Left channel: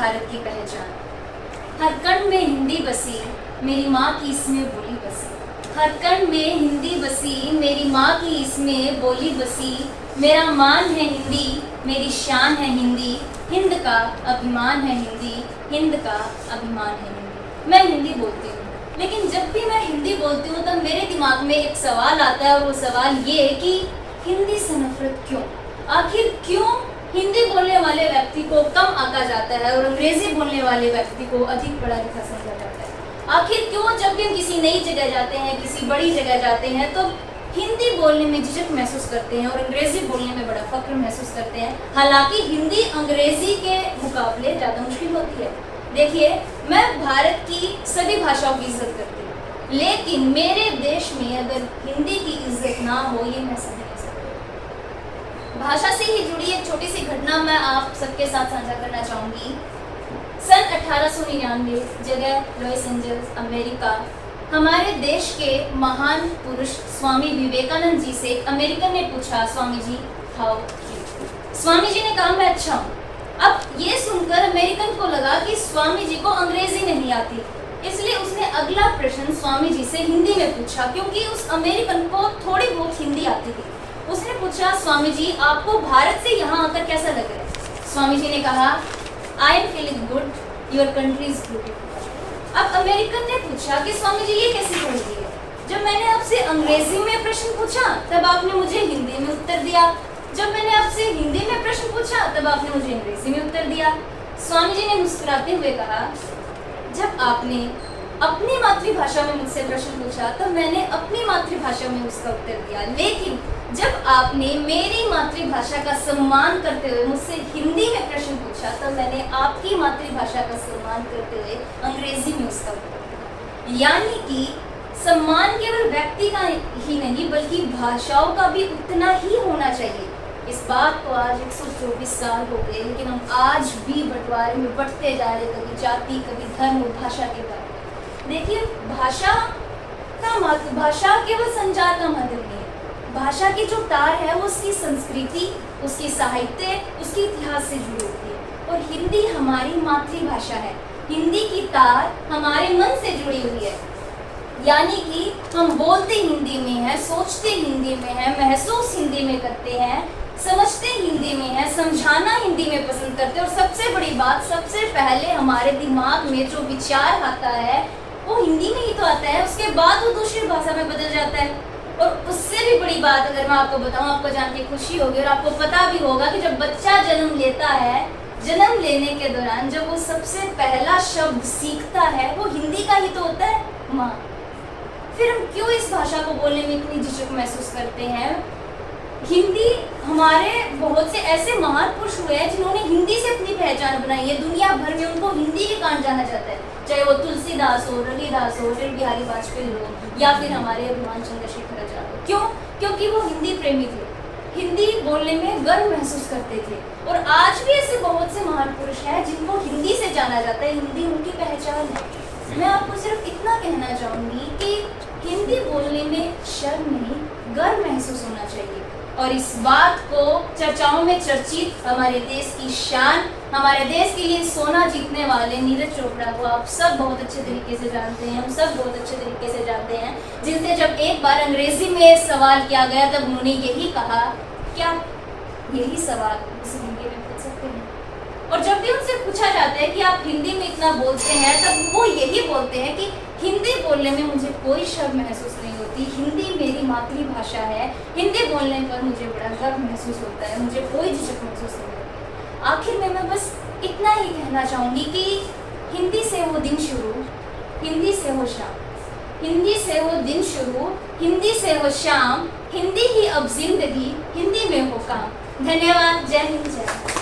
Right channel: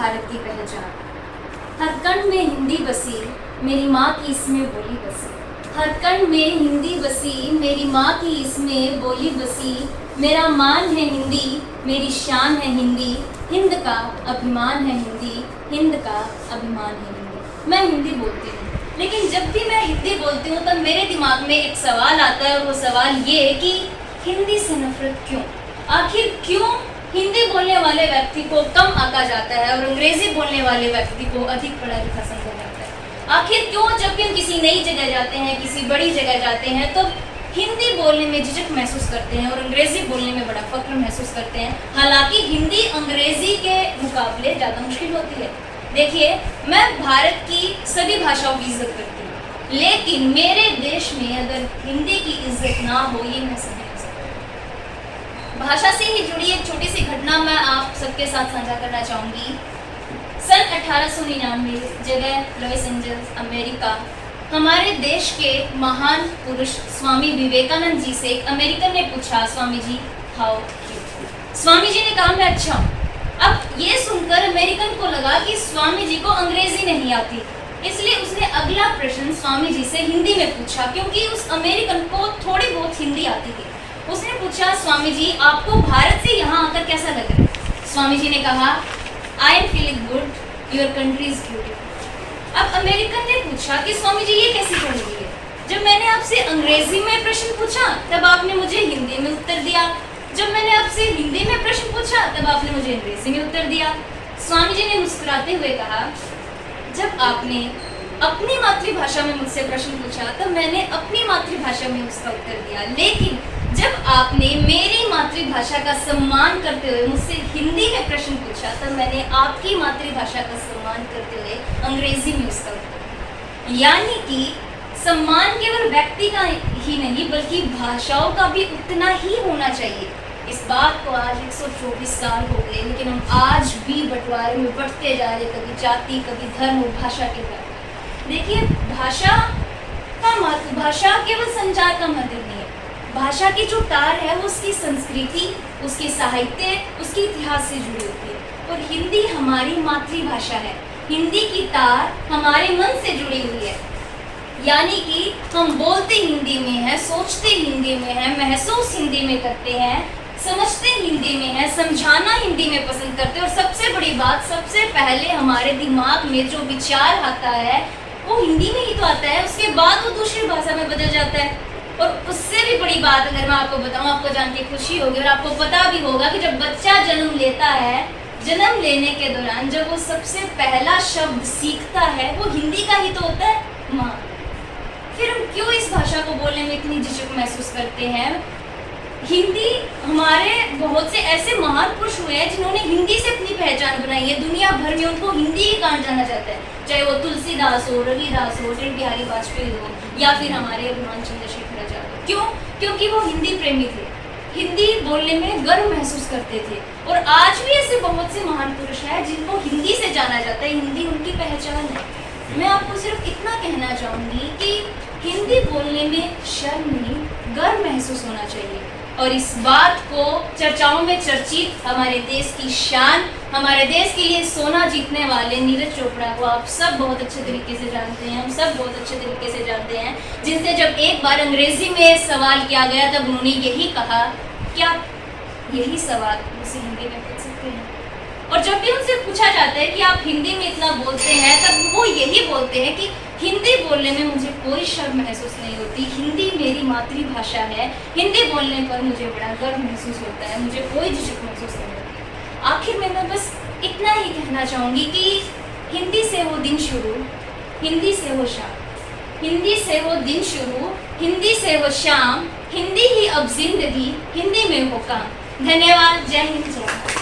भारत की पहचान। हर कण में हिंदी बसी, मेरी माँ की इसमें बोली बसी। हर कण में हिंदी बसी, मेरी माँ की इसमें बोली बसी। मेरा मान है हिंदी, मेरी शान है हिंदी, हिंद का अभिमान है हिंदी, हिंद का अभिमान है हिंदी। मैं हिंदी बोलती हूँ, लेकिन जब भी मैं हिंदी बोलती हूँ तब मेरे दिमाग में एक सवाल आता है, और वो सवाल ये है कि हिंदी से नफरत क्यों? आखिर क्यों हिंदी बोलने वाले व्यक्ति को कम आंका जाता है और अंग्रेजी बोलने वाले व्यक्ति को अधिक पढ़ा लिखा समझा जाता है? आखिर क्यों जब भी हम किसी नई जगह जाते हैं, किसी बड़ी जगह जाते हैं, तो हिंदी बोलने में झिझक महसूस करते हैं और अंग्रेजी बोलने में बड़ा फख्र महसूस करते हैं, हालांकि हिंदी अंग्रेजी के मुकाबले ज़्यादा मुश्किल होती है। देखिए, मैं भारत की सभी भाषाओं की इज्जत करती हूँ, लेकिन मेरे देश में अगर हिंदी की इज्जत ना हो, ये मैं समझ नहीं सकती। भाषा से ही जुड़ी एक छोटी सी घटना मैं आप सबके साथ साझा करना चाहूँगी। सन 1899 जगह लॉस एंजल्स, अमेरिका, हमारे देश के महान पुरुष स्वामी विवेकानंद जी से एक अमेरिकन ने पूछा, स्वामी जी हाउ यू? स्वामी जी ने कहा मैं अच्छा हूँ। अब ये सुनकर अमेरिकन को लगा कि स्वामी जी को अंग्रेजी नहीं आती, इसलिए उसने अगला प्रश्न स्वामी जी से हिंदी में पूछा, क्योंकि उस अमेरिकन को थोड़ी बहुत हिंदी आती थी। उसने पूछा, स्वामी जी आपको भारत से यहाँ आकर कैसा लग रहा है? स्वामी जी ने कहा, I am feeling good, your country is beautiful. अब अमेरिकन ने पूछा कि स्वामी जी ये कैसी बात है? जब मैंने आपसे अंग्रेजी में प्रश्न पूछा तब आपने मुझे हिंदी में उत्तर दिया, जब मैंने आपसे हिंदी में प्रश्न पूछा तब आपने मुझे अंग्रेजी में उत्तर दिया। स्वामी जी ने मुस्कुराते हुए कहा, जब आपने अपनी मातृभाषा में मुझसे प्रश्न पूछा तब मैंने अपनी मातृभाषा में उसका उत्तर दिया, लेकिन जब आपने मेरी मातृभाषा का सम्मान करते हुए मुझसे हिंदी में प्रश्न पूछा तब मैंने आपकी मातृभाषा का सम्मान करते हुए अंग्रेजी में उसका उत्तर दिया। यानी कि सम्मान केवल व्यक्ति का ही नहीं बल्कि भाषाओं का भी उतना ही होना चाहिए। इस बात को आज 124 साल हो गए, लेकिन हम आज भी बंटवारे में बढ़ते जा रहे, कभी जाति, कभी धर्म और भाषा के बारे में। देखिए, भाषा केवल संचार का माध्यम नहीं है। भाषा की जो तार है वो उसकी संस्कृति, उसकी साहित्य, उसके इतिहास से जुड़ी होती है, और हिंदी हमारी मातृभाषा है। हिंदी की तार हमारे मन से जुड़ी हुई है, यानी कि हम बोलते हिंदी में हैं, सोचते हिंदी में हैं, महसूस हिंदी में करते हैं, समझते हिंदी में हैं, समझाना हिंदी में पसंद करते हैं, और सबसे बड़ी बात, सबसे पहले हमारे दिमाग में जो विचार आता है वो हिंदी में ही तो आता है, उसके बाद वो दूसरी भाषा में बदल जाता है। और उससे भी बड़ी बात अगर मैं आपको बताऊं, आपको जान के खुशी होगी और आपको पता भी होगा कि जब बच्चा जन्म लेता है, जन्म लेने के दौरान जब वो सबसे पहला शब्द सीखता है वो हिंदी का ही तो होता है, माँ। फिर हम क्यों इस भाषा को बोलने में इतनी झिझक महसूस करते हैं? हिंदी, हमारे बहुत से ऐसे महान पुरुष हुए हैं जिन्होंने हिंदी से अपनी पहचान बनाई है। दुनिया भर में उनको हिंदी के कारण जाना जाता है, चाहे वो तुलसीदास हो, रविदास हो, अटल बिहारी वाजपेयी हो, या फिर हमारे अभिमान चंद्रशेखर आजाद हो। क्यों? क्योंकि वो हिंदी प्रेमी थे, हिंदी बोलने में गर्व महसूस करते थे। और आज भी ऐसे बहुत से महान पुरुष हैं जिनको हिंदी से जाना जाता है, हिंदी उनकी पहचान है। मैं आपको सिर्फ इतना कहना चाहूँगी कि हिंदी बोलने में शर्म नहीं, गर्व महसूस होना चाहिए। और इस बात को चर्चाओं में चर्चित हमारे देश की शान, हमारे देश के लिए सोना जीतने वाले नीरज चोपड़ा को आप सब बहुत अच्छे तरीके से जानते हैं, हम सब बहुत अच्छे तरीके से जानते हैं, जिनसे जब एक बार अंग्रेजी में सवाल किया गया तब उन्होंने यही कहा, क्या यही सवाल मुझसे हिंदी में पूछ सकते हैं? और जब भी उनसे पूछा जाता है कि आप हिंदी में इतना बोलते हैं, तब वो यही बोलते हैं कि हिंदी बोलने में मुझे कोई शर्म महसूस नहीं होती, हिंदी मेरी मातृभाषा है, हिंदी बोलने पर मुझे बड़ा गर्व महसूस होता है, मुझे कोई झिझक महसूस नहीं होती। आखिर में मैं बस इतना ही कहना चाहूँगी कि हिंदी से हो दिन शुरू, हिंदी से हो शाम, हिंदी से हो दिन शुरू, हिंदी से हो शाम, हिंदी ही अब जिंदगी, हिंदी में हो काम। धन्यवाद। जय हिंद, जय भारत।